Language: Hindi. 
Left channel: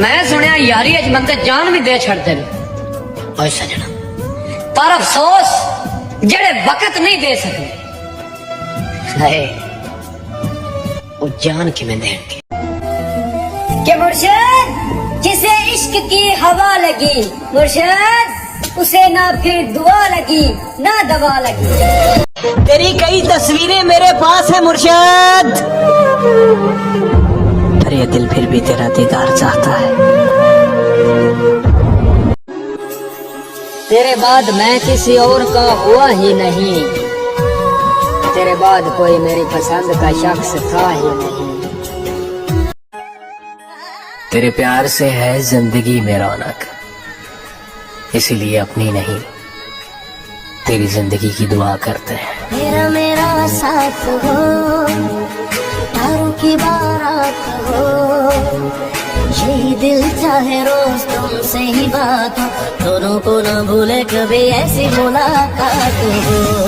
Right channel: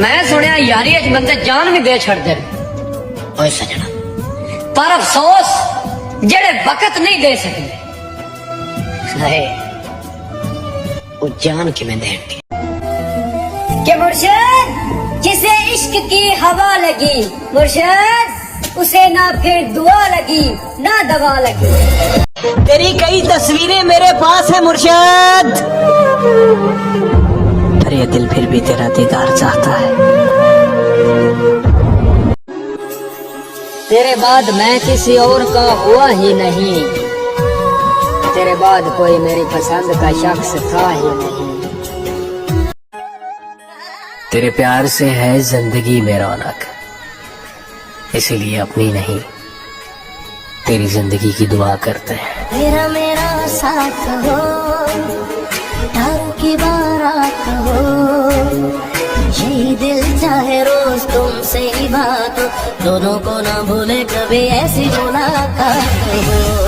मैं सुनिया यारी अच बंदे जान भी दे छड़ दे। ओए सजना पर अफसोस जेड़े वक्त नहीं दे सके हाय वो जान कि मैं देंगे के मुर्शिद जिसे इश्क की हवा लगी मुर्शिद उसे ना फिर दुआ लगी ना दवा लगी। तेरी कई तस्वीरें मेरे पास है मुर्शिद, पर ये दिल फिर भी तेरा दीदार चाहता है। तेरे बाद मैं किसी और का हुआ ही नहीं, तेरे बाद कोई मेरी पसंद का शख्स था ही नहीं। तेरे प्यार से है जिंदगी में रौनक, इसीलिए अपनी नहीं तेरी जिंदगी की दुआ करते हैं। तेरा मेरा साथ हो तारों की बारात हो, यही दिल चाहे रोज तुमसे ही बात हो, दोनों को ना भूले कभी ऐसी मुलाकात हो।